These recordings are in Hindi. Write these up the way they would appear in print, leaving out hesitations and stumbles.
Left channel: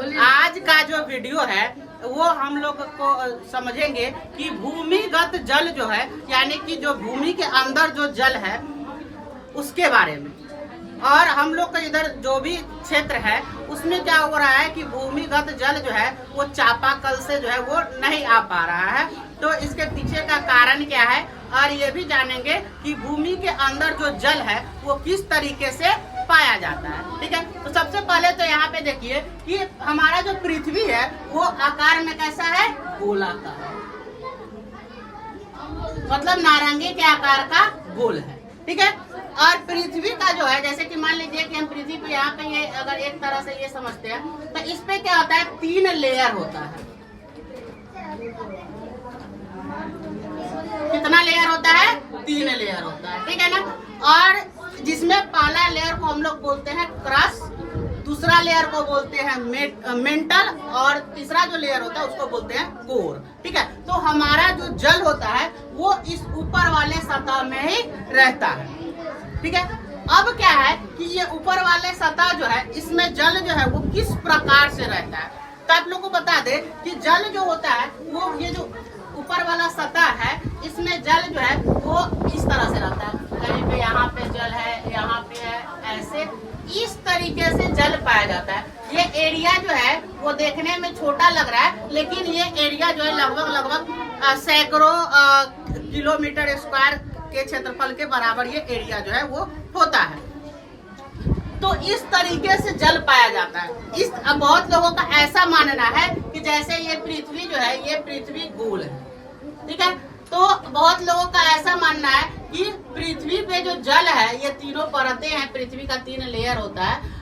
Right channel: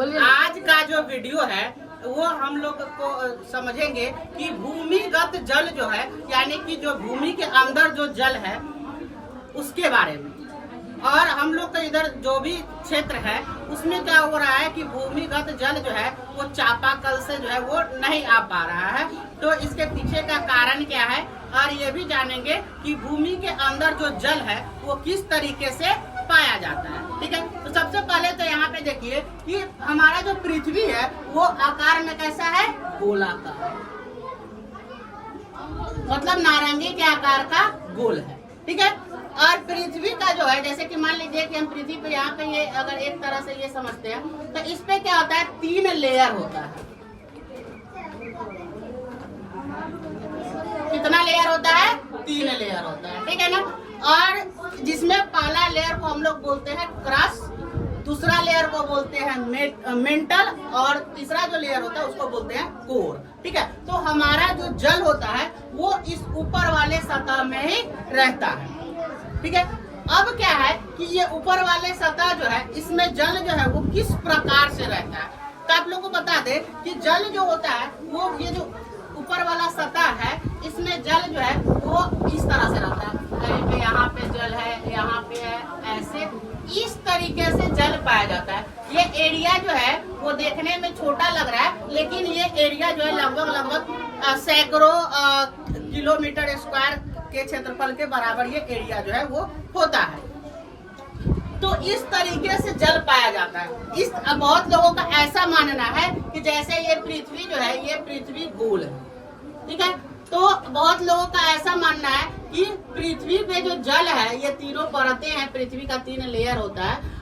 आज का जो वीडियो है वो हम लोग को समझेंगे कि भूमिगत जल जो है, यानी कि जो भूमि के अंदर जो जल है उसके बारे में। और हम लोग का इधर जो भी क्षेत्र है उसमें क्या हो रहा है कि भूमिगत जल जो है वो चापाकल से जो है वो नहीं आ पा रहा है। तो इसके पीछे का कारण क्या है, और ये भी जानेंगे कि भूमि के अंदर जो जल है वो किस तरीके से पाया जाता है। ठीक है, तो सबसे पहले तो यहाँ पे देखिए कि हमारा जो पृथ्वी है वो आकार में कैसा है, गोलाकार, मतलब नारंगी के आकार का गोल है। ठीक है, और पृथ्वी का जो है, जैसे कि मान लीजिए कि हम पृथ्वी पे यहाँ पे ये अगर एक तरह से ये समझते हैं तो इस पे क्या होता है, 3 लेयर होता है। कितना लेयर होता है, 3 लेयर होता है। ठीक है ना, और जिसमें पहला लेयर को हम लोग बोलते हैं क्रस्ट, दूसरा लेयर को बोलते हैं मेंटल, और तीसरा जो लेयर होता है उसको बोलते हैं कोर। ठीक है, तो हमारा जो जल होता है वो इस ऊपर वाले सतह में ही रहता है। ठीक है, अब क्या है कि ये ऊपर वाले सतह जो है इसमें जल जो है वो किस प्रकार से रहता है। तो आप लोग को बता दे कि जल जो होता है वो ये जो ऊपर वाला सतह है इसमें जल जो है वो इस तरह से रहता है। कहीं पे यहाँ पे जल है, यहाँ पे है, ऐसे इस तरीके से जल पाया जाता है। ये एरिया जो है वो देखने में छोटा लग रहा है, लेकिन ये एरिया जो है लगभग सैकड़ों किलोमीटर स्क्वायर के क्षेत्रफल के बराबर ये एरिया जो है वो होता है। तो इस तरीके से जल पाया जाता है। बहुत लोगों का ऐसा मानना है कि जैसे ये पृथ्वी जो है ये पृथ्वी गोल है। ठीक है, तो बहुत लोगों का ऐसा मानना है कि पृथ्वी पे जो जल है ये तीनों परतें हैं, पृथ्वी का 3 लेयर होता है।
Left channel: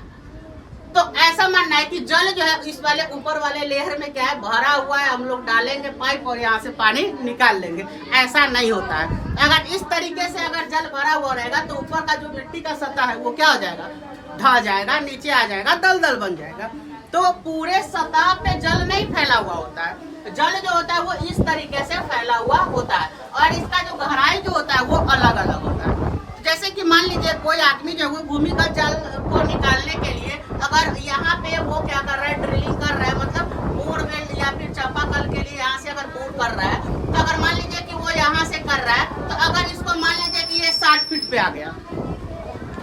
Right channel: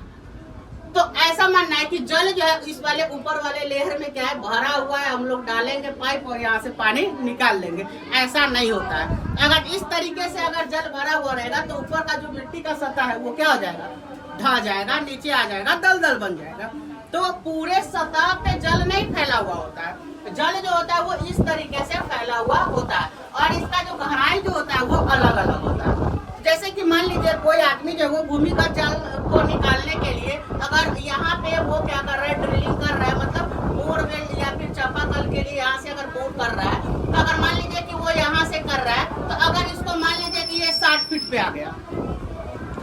तो ऐसा मानना है कि जल जो है इस वाले ऊपर वाले लेयर में क्या है, भरा हुआ है, हम लोग डालेंगे पाइप और यहाँ से पानी निकाल लेंगे। ऐसा नहीं होता है। अगर इस तरीके से अगर जल भरा हुआ रहेगा तो ऊपर का जो मिट्टी का सतह है वो क्या हो जाएगा, ढह जाएगा, नीचे आ जाएगा, दलदल बन जाएगा। तो पूरे सतह पे जल नहीं फैला हुआ होता है। जल जो होता है वो इस तरीके से फैला हुआ होता है, और इसका जो गहराई जो होता है वो अलग अलग होता है। जैसे कि मान लीजिए कोई आदमी जो वो भूमिगत जल को निकालने के लिए अगर यहाँ पे वो क्या कर रहा है, ड्रिलिंग कर रहा है, मतलब बोरवेल या फिर चापाकल के लिए यहाँ से अगर बोर कर रहा है, तो अगर मान लीजिए कि वो यहाँ से कर रहा है, तो अगर इसको मान लीजिए कि ये 60 फीट पे आ गया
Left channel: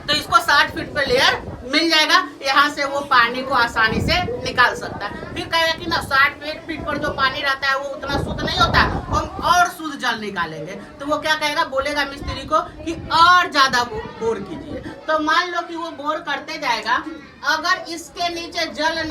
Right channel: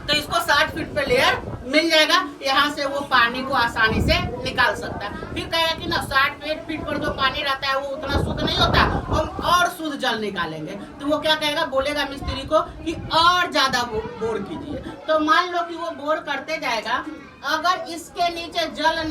तो इसको 60 फीट पे लेयर मिल जाएगा, यहाँ से वो पानी को आसानी से निकाल सकता है। फिर कहेगा कि ना 60 फीट पर जो पानी रहता है वो उतना शुद्ध नहीं होता, हम और शुद्ध जल निकालेंगे। तो वो क्या कहेगा, बोलेगा मिस्त्री को कि और ज्यादा बोर कीजिए। तो मान लो कि वो बोर करते जाएगा, अगर इसके नीचे जल